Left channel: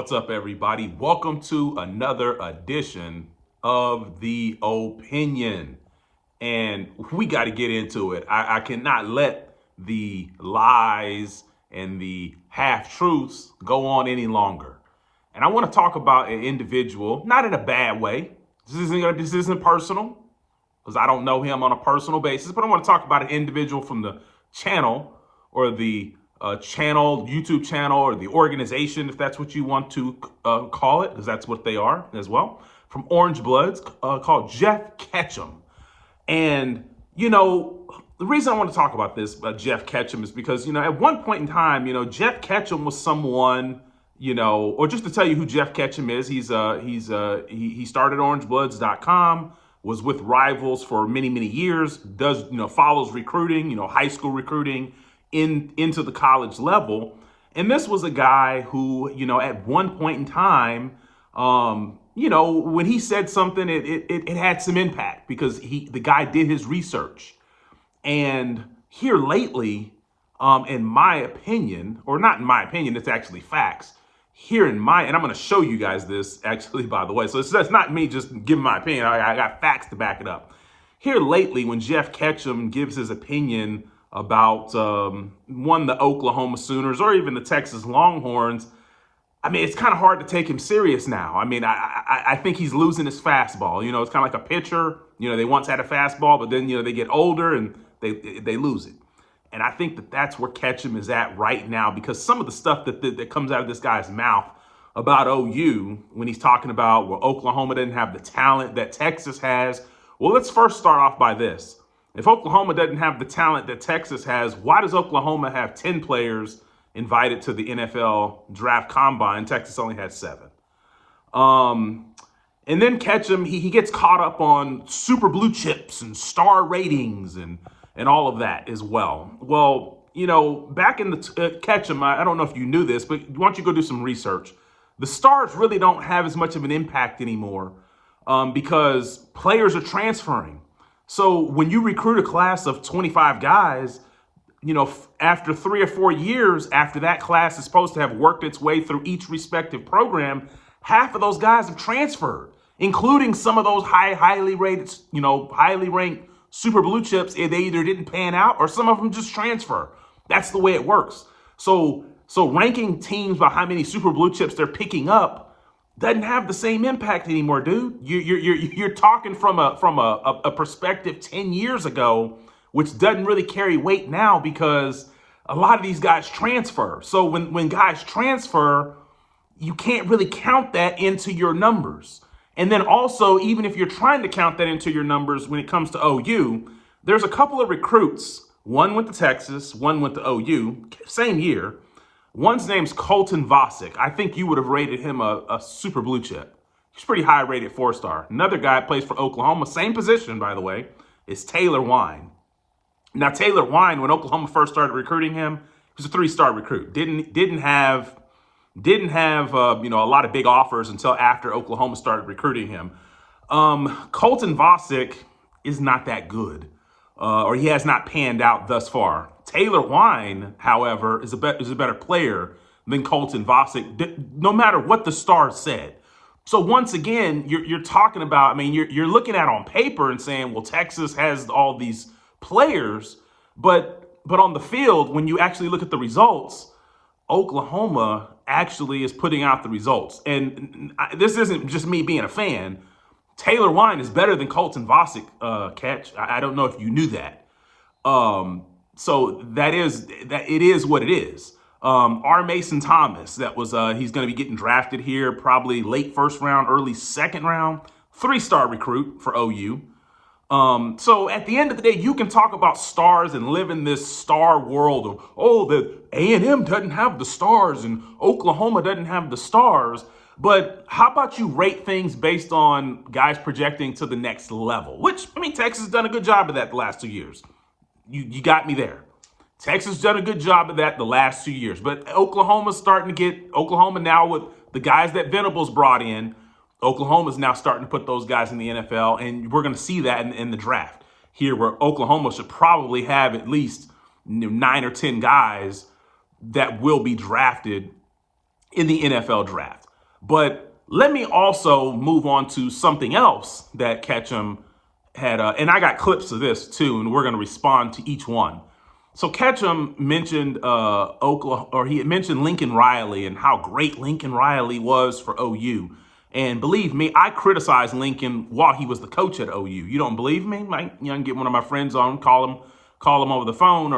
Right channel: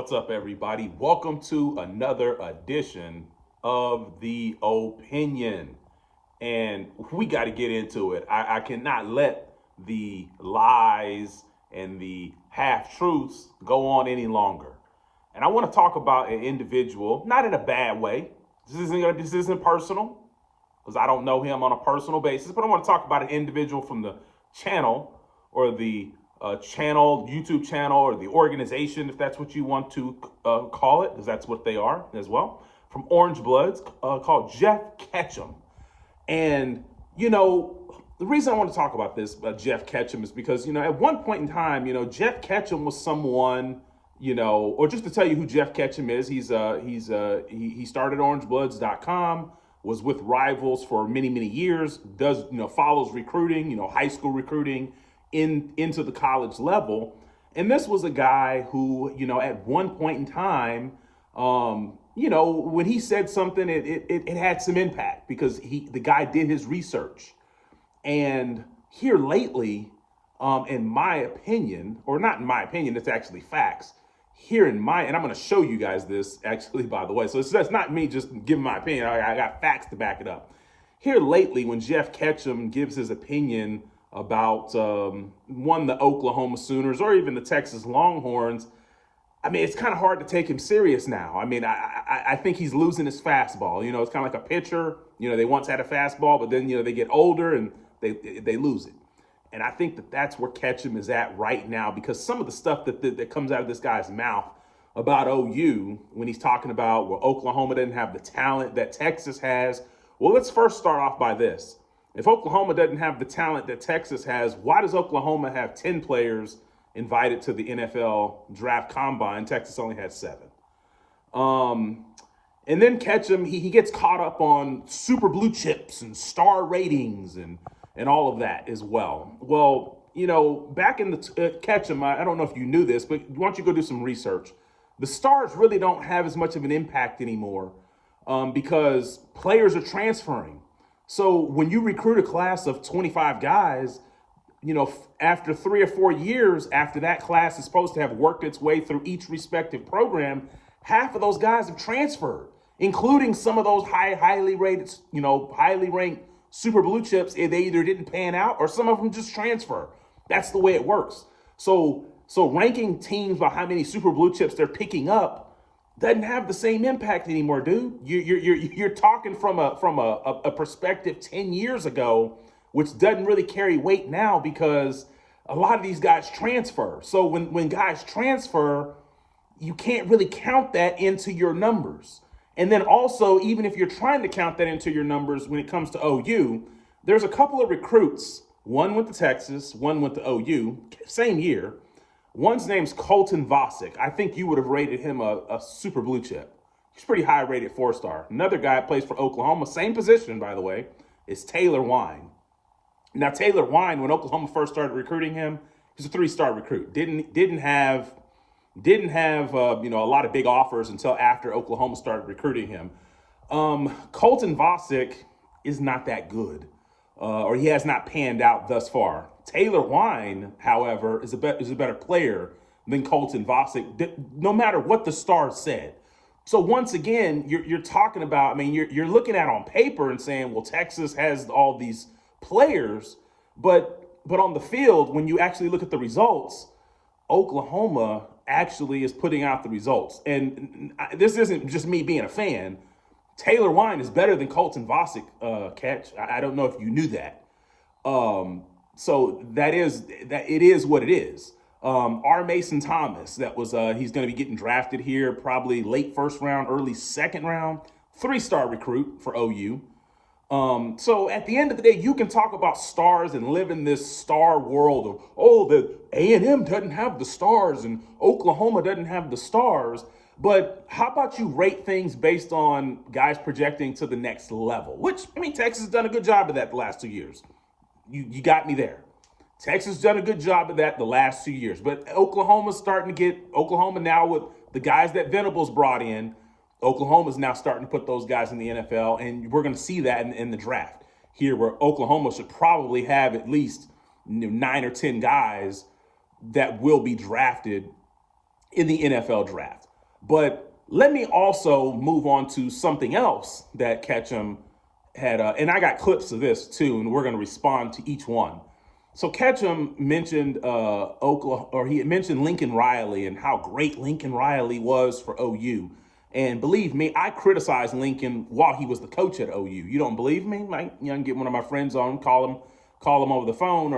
What's up, everybody? Welcome to another edition of The Opinion. And we got to get into it. I cannot let the lies and the half-truths go on any longer. And I want to talk about an individual, not in a bad way. This isn't personal, because I don't know him on a personal basis, but I want to talk about an individual from the channel or the YouTube channel, or the organization, if that's what you want to call it, because that's what they are as well, from Orangebloods, called Geoff Ketchum. And, the reason I want to talk about this, Geoff Ketchum, is because, at one point in time, Geoff Ketchum was someone, or just to tell you who Geoff Ketchum is, he started Orangebloods.com, was with Rivals for many, many years, follows recruiting, high school recruiting, into the college level. And this was a guy who, at one point in time, when he said something, it had some impact, because the guy did his research. And here lately, in my opinion, or not in my opinion, it's actually facts. And I'm going to show you guys this, actually, by the way. So that's not me just giving my opinion. I got facts to back it up. Here lately, when Geoff Ketchum gives his opinion about the Oklahoma Sooners or even the Texas Longhorns, it's kind of hard to take him serious now. I think he's losing his fastball. It's kind of like a pitcher. They once had a fastball, but then, they get older and they lose it. And I think that's where Ketchum is at right now, because some of the stuff that comes out of this guy's mouth about OU, when he's talking about, well, Oklahoma didn't have the talent that Texas has. Well, let's first start off by this. If Oklahoma doesn't have the talent that Texas has, why does Oklahoma have 10 players invited to the NFL draft combine? Texas only had 7. And then Ketchum, he gets caught up on super blue chips and star ratings and all of that as well. Well, back in the Ketchum, I don't know if you knew this, but why don't you go do some research? The stars really don't have as much of an impact anymore because players are transferring. So when you recruit a class of 25 guys, after 3 or 4 years after that class is supposed to have worked its way through each respective program, half of those guys have transferred, including some of those highly rated, highly ranked super blue chips. They either didn't pan out or some of them just transfer. That's the way it works. So ranking teams by how many super blue chips they're picking up doesn't have the same impact anymore, dude. You're talking from a perspective 10 years ago, which doesn't really carry weight now because a lot of these guys transfer. So when guys transfer, you can't really count that into your numbers. And then also, even if you're trying to count that into your numbers when it comes to OU, there's a couple of recruits. One went to Texas, one went to OU, same year. One's name's Colton Vasek. I think you would have rated him a super blue chip. He's pretty high rated, 4-star. Another guy plays for Oklahoma, same position, by the way, is Taylor Wine. Now, Taylor Wine, when Oklahoma first started recruiting him, he was a 3-star recruit. Didn't have a lot of big offers until after Oklahoma started recruiting him. Colton Vasek is not that good, or he has not panned out thus far. Taylor Wine, however, is a better player than Colton Vasek, no matter what the stars said. So once again, you're talking about, you're looking at on paper and saying, well, Texas has all these players, but on the field, when you actually look at the results, Oklahoma actually is putting out the results. And this isn't just me being a fan. Taylor Wine is better than Colton Vasek, Catch. I don't know if you knew that. So it is what it is. R. Mason Thomas, he's going to be getting drafted here, probably late 1st round, early 2nd round, 3-star recruit for OU. So at the end of the day, you can talk about stars and live in this star world of, the A&M doesn't have the stars and Oklahoma doesn't have the stars. But how about you rate things based on guys projecting to the next level? Which, Texas has done a good job of that the last 2 years. You got me there. Texas has done a good job of that the last 2 years. But Oklahoma's Oklahoma now with the guys that Venables brought in, Oklahoma's now starting to put those guys in the NFL, and we're going to see that in the draft here, where Oklahoma should probably have at least 9 or 10 guys that will be drafted in the NFL draft. But let me also move on to something else that Ketchum had, and I got clips of this too, and we're going to respond to each one. So Ketchum mentioned Oklahoma, or he had mentioned Lincoln Riley and how great Lincoln Riley was for OU. And believe me, I criticized Lincoln while he was the coach at OU. You don't believe me? I can get one of my friends on, call him over the phone,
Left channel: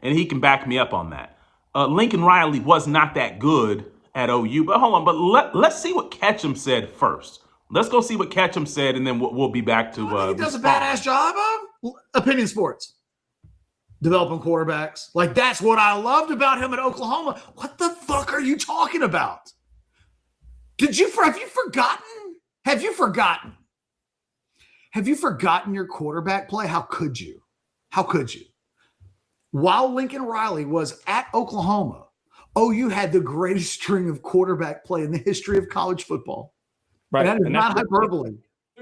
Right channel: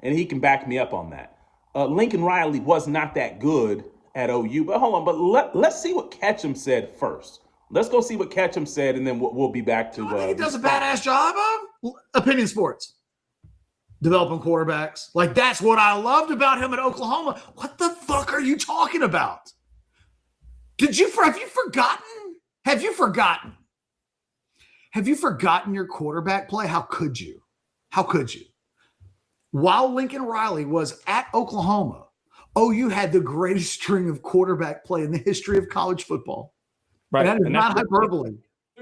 and he can back me up on that. Lincoln Riley was not that good at OU. But hold on, but let's see what Ketchum said first. Let's go see what Ketchum said, and then we'll be back to. I think he does a badass job of opinion sports, developing quarterbacks. Like, that's what I loved about him at Oklahoma. What the fuck are you talking about? Have you forgotten? Have you forgotten your quarterback play? How could you? While Lincoln Riley was at Oklahoma, OU had the greatest string of quarterback play in the history of college football. Right. And that is not hyperbole.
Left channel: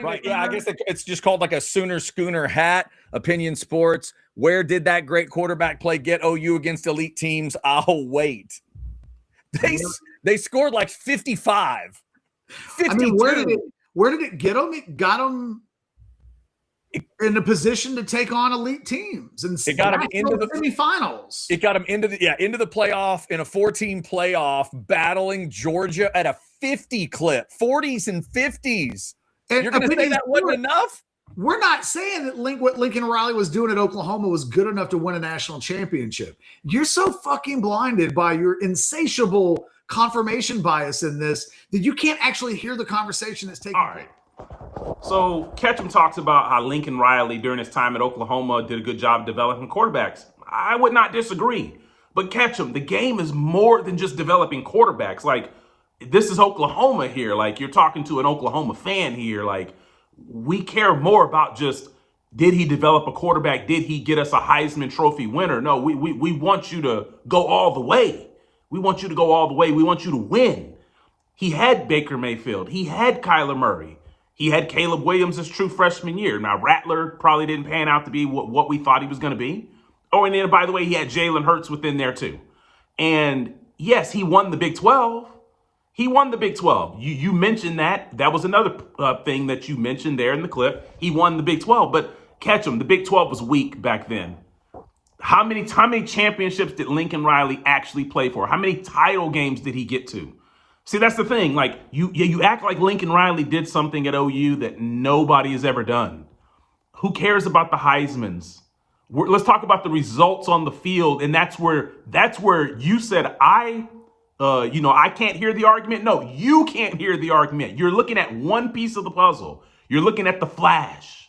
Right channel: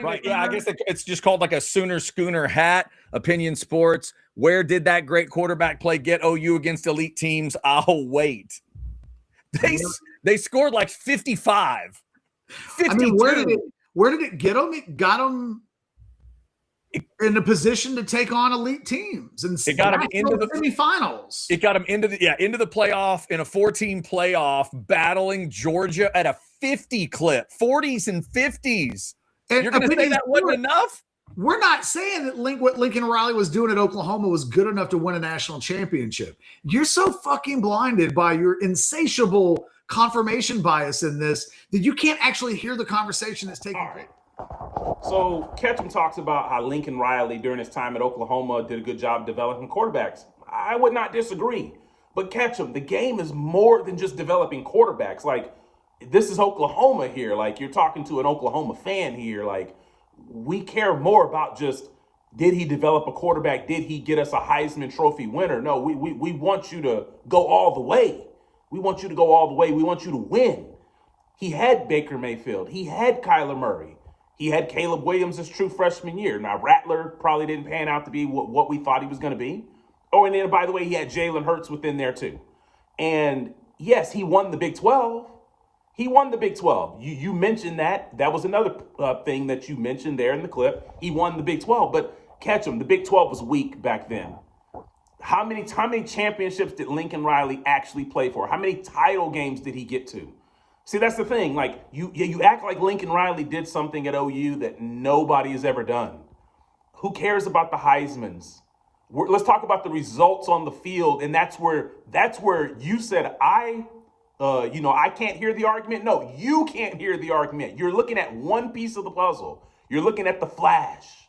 Right. Yeah, I guess it's just called like a Sooner Schooner hat. Opinion sports. Where did that great quarterback play get OU against elite teams? I'll wait. They scored like 55. 52. I mean, where did it get them? It got them in a position to take on elite teams, and it got them into the semifinals. It got them into the playoff in a 4-team playoff, battling Georgia at a 50 clip, 40s and 50s. And you're going to say that wasn't enough? We're not saying that what Lincoln Riley was doing at Oklahoma was good enough to win a national championship. You're so fucking blinded by your insatiable confirmation bias in this that you can't actually hear the conversation that's taking place. So Ketchum talks about how Lincoln Riley during his time at Oklahoma did a good job developing quarterbacks. I would not disagree. But Ketchum, the game is more than just developing quarterbacks. Like, this is Oklahoma here. Like, you're talking to an Oklahoma fan here. Like, we care more about just, did he develop a quarterback? Did he get us a Heisman Trophy winner? No, we want you to go all the way. We want you to go all the way. We want you to win. He had Baker Mayfield. He had Kyler Murray. He had Caleb Williams' his true freshman year. Now, Rattler probably didn't pan out to be what we thought he was going to be. Oh, and then, by the way, he had Jalen Hurts within there, too. And, yes, he won the Big 12. He won the Big 12. You mentioned that. That was another thing that you mentioned there in the clip. He won the Big 12. But, Ketchum, the Big 12 was weak back then. How many championships did Lincoln Riley actually play for? How many title games did he get to? See, that's the thing. Like, you act like Lincoln Riley did something at OU that nobody has ever done. Who cares about the Heismans? Let's talk about the results on the field, and that's where you said I can't hear the argument. No, you can't hear the argument. You're looking at one piece of the puzzle. You're looking at the flash.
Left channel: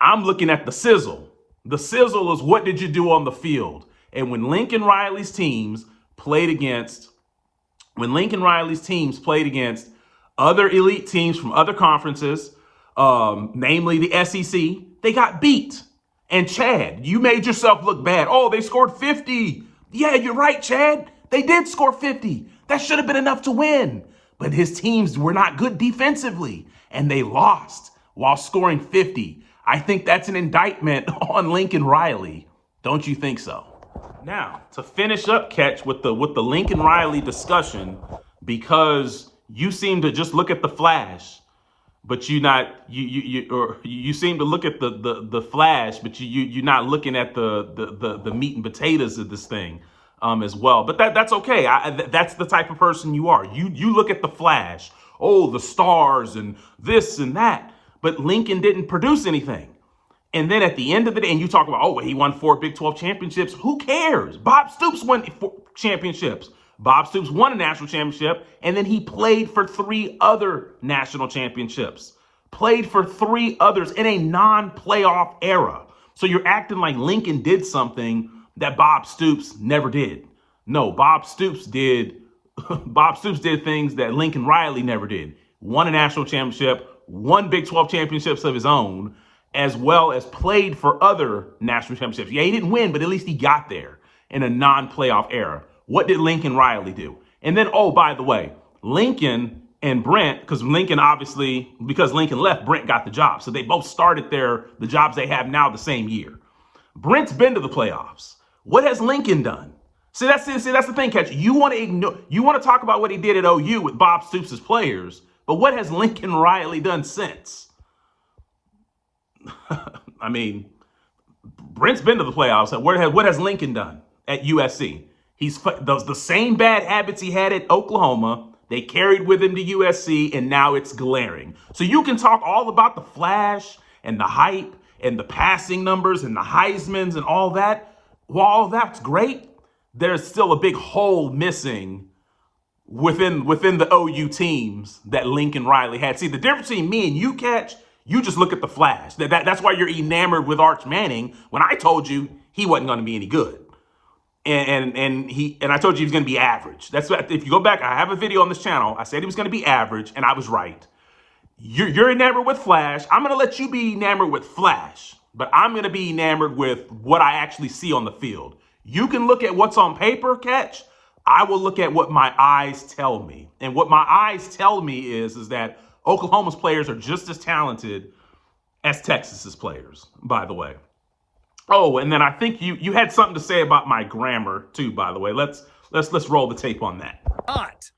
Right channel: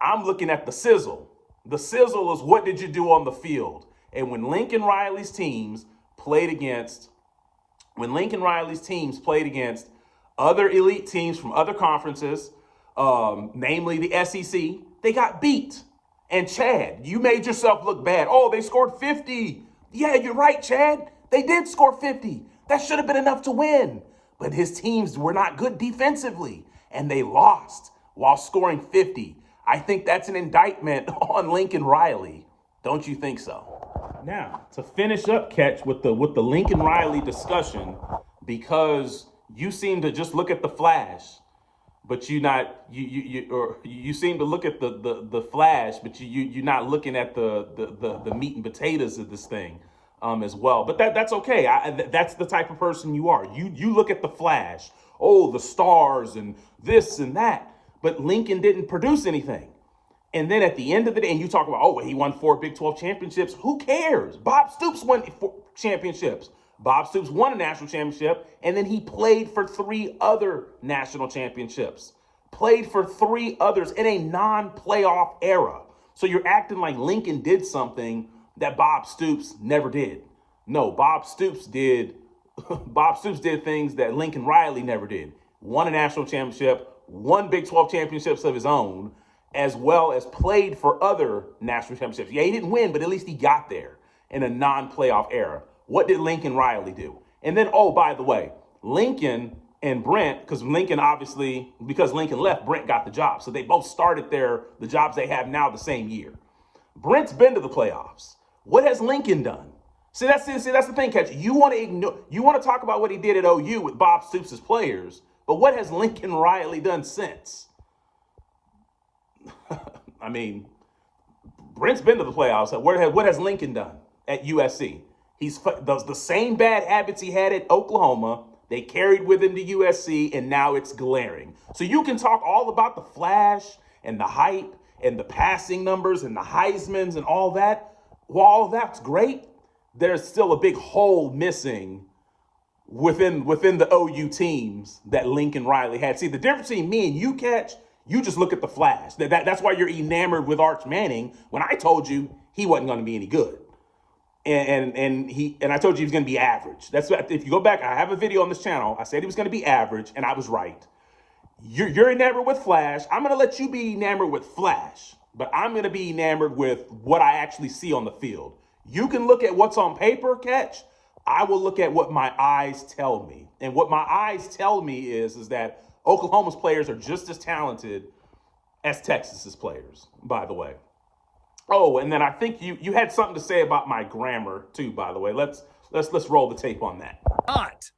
I'm looking at the sizzle. The sizzle is, what did you do on the field? And when Lincoln Riley's teams played against other elite teams from other conferences, namely the SEC, they got beat. And Chad, you made yourself look bad. Oh, they scored 50. Yeah, you're right, Chad. They did score 50. That should have been enough to win. But his teams were not good defensively, and they lost while scoring 50. I think that's an indictment on Lincoln Riley. Don't you think so? Now, to finish up, Ketch, with the Lincoln Riley discussion, because you seem to just look at the flash, but you seem to look at the flash, but you're not looking at the meat and potatoes of this thing as well. But that's okay. That's the type of person you are. You look at the flash. Oh, the stars and this and that. But Lincoln didn't produce anything. And then at the end of the day, and you talk about, he won 4 Big 12 championships. Who cares? Bob Stoops won 4 championships. Bob Stoops won a national championship, and then he played for 3 other national championships. Played for 3 others in a non-playoff era. So you're acting like Lincoln did something that Bob Stoops never did. No, Bob Stoops did things that Lincoln Riley never did. Won a national championship, won Big 12 championships of his own, as well as played for other national championships. Yeah, he didn't win, but at least he got there in a non-playoff era. What did Lincoln Riley do? And then, by the way, Lincoln and Brent, because Lincoln left, Brent got the job. So they both started the jobs they have now the same year. Brent's been to the playoffs. What has Lincoln done? See, that's the thing, Catch. You want to talk about what he did at OU with Bob Stoops' players, but what has Lincoln Riley done since? I mean, Brent's been to the playoffs. What has Lincoln done at USC? He's the same bad habits he had at Oklahoma. They carried with him to USC, and now it's glaring. So you can talk all about the flash and the hype and the passing numbers and the Heismans and all that. While all that's great, there's still a big hole missing within the OU teams that Lincoln Riley had. See, the difference between me and you, Catch, you just look at the flash. That's why you're enamored with Arch Manning when I told you he wasn't going to be any good. And I told you he was going to be average. That's what, if you go back, I have a video on this channel. I said he was going to be average, and I was right. You're enamored with flash. I'm going to let you be enamored with flash, but I'm going to be enamored with what I actually see on the field. You can look at what's on paper, Catch. I will look at what my eyes tell me. And what my eyes tell me is that Oklahoma's players are just as talented as Texas's players, by the way. Oh, and then I think you had something to say about my grammar too, by the way. Let's roll the tape on that. Not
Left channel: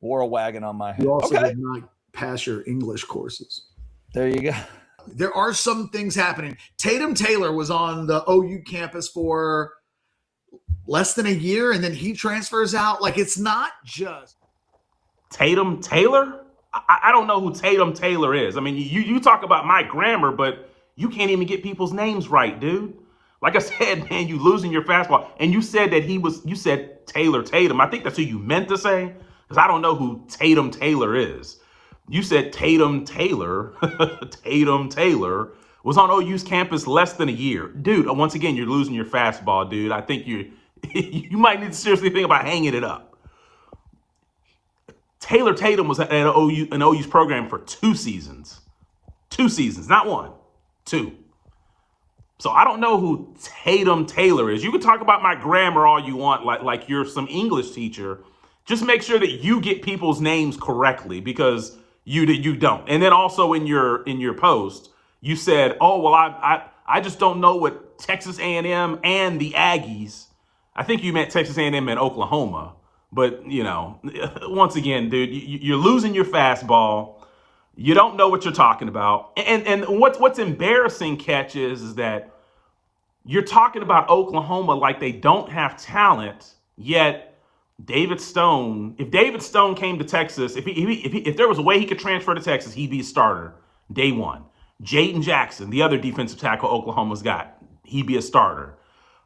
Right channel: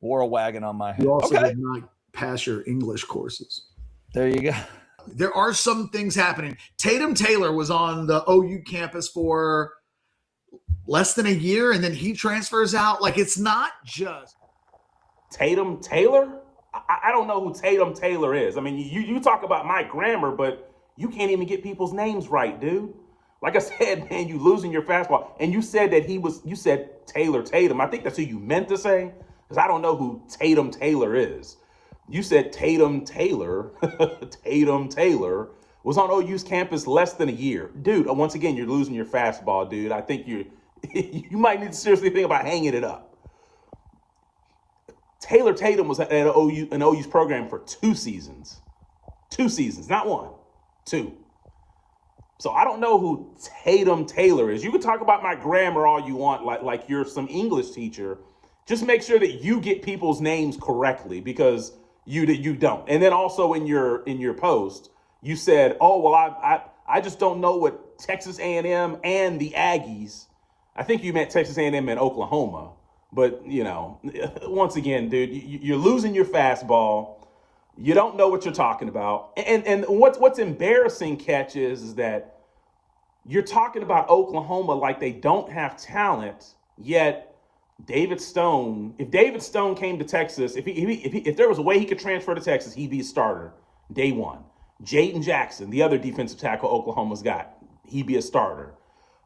wore a wagon on my head. You also did not pass your English courses. There you go. There are some things happening. Tatum Taylor was on the OU campus for less than a year, and then he transfers out. Like, it's not just Tatum Taylor? I don't know who Tatum Taylor is. I mean, you talk about my grammar, but you can't even get people's names right, dude. Like I said, man, you losing your fastball. And you said that you said Taylor Tatum. I think that's who you meant to say, because I don't know who Tatum Taylor is. You said Tatum Taylor. Tatum Taylor was on OU's campus less than a year. Dude, once again, you're losing your fastball, dude. I think you might need to seriously think about hanging it up. Taylor Tatum was at an OU's program for 2 seasons. 2 seasons, not 1, 2. So I don't know who Tatum Taylor is. You can talk about my grammar all you want, like you're some English teacher. Just make sure that you get people's names correctly, because you don't. And then also in your post, you said, "Oh, well, I just don't know what Texas A&M and the Aggies." I think you meant Texas A&M and Oklahoma. But, once again, dude, you're losing your fastball. You don't know what you're talking about. And what's embarrassing, Catch, is that you're talking about Oklahoma like they don't have talent, yet David Stone, if David Stone came to Texas, if there was a way he could transfer to Texas, he'd be a starter day one. Jaden Jackson, the other defensive tackle Oklahoma's got, he'd be a starter.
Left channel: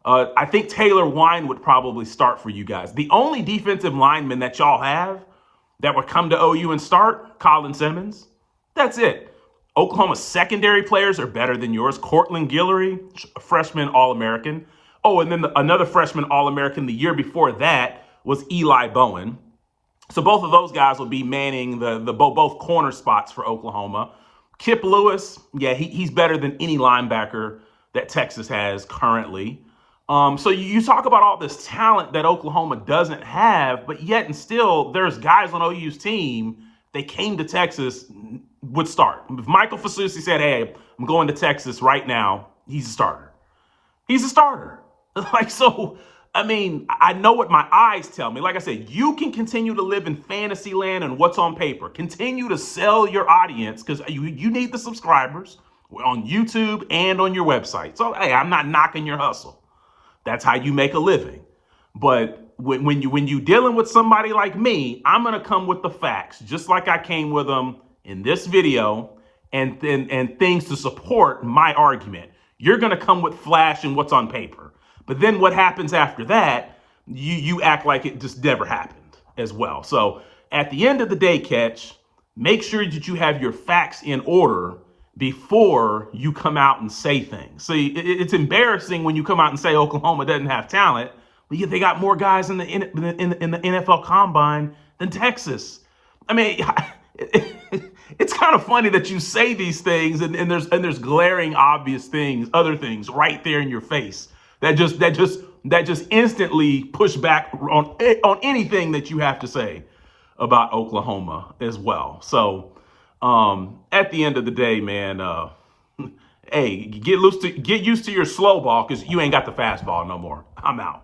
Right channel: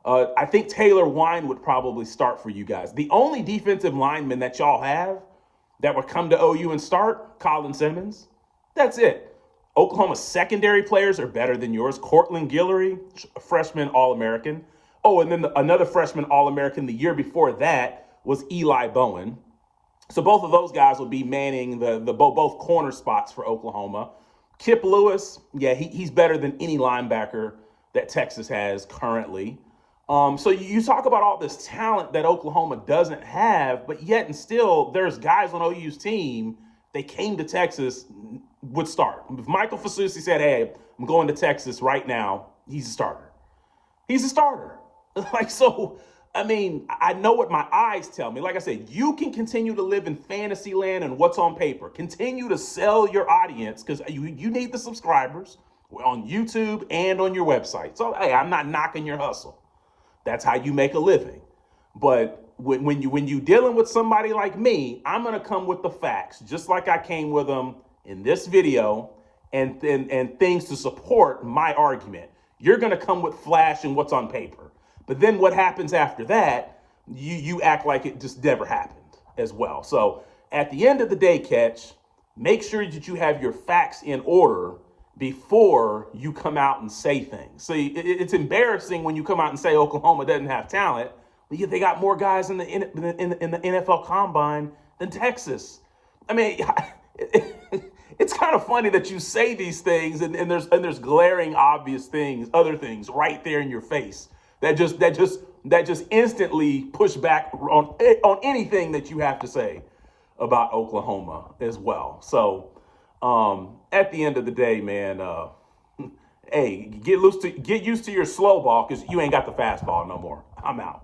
I think Taylor Wine would probably start for you guys. The only defensive lineman that y'all have that would come to OU and start, Colin Simmons. That's it. Oklahoma's secondary players are better than yours. Cortland Guillory, freshman All-American. Oh, and then another freshman All-American the year before that was Eli Bowen. So both of those guys will be manning both corner spots for Oklahoma. Kip Lewis, yeah, he's better than any linebacker that Texas has currently. So you talk about all this talent that Oklahoma doesn't have, but yet and still there's guys on OU's team, they came to Texas, would start. If Michael Fasusi said, "Hey, I'm going to Texas right now," he's a starter. He's a starter. I mean, I know what my eyes tell me. Like I said, you can continue to live in fantasy land and what's on paper. Continue to sell your audience, because you need the subscribers. We're on YouTube and on your website. So, hey, I'm not knocking your hustle. That's how you make a living. But when you dealing with somebody like me, I'm going to come with the facts, just like I came with them in this video, and things to support my argument. You're going to come with flash and what's on paper. But then what happens after that, you act like it just never happened as well. So at the end of the day, Catch, make sure that you have your facts in order before you come out and say things. See, it's embarrassing when you come out and say Oklahoma doesn't have talent, but yet they got more guys in the NFL Combine than Texas. I mean, it's kind of funny that you say these things and there's glaring obvious things, other things right there in your face that just instantly push back on anything that you have to say about Oklahoma as well. So at the end of the day, man, hey, get used to your slow ball, because you ain't got the fastball no more. I'm out.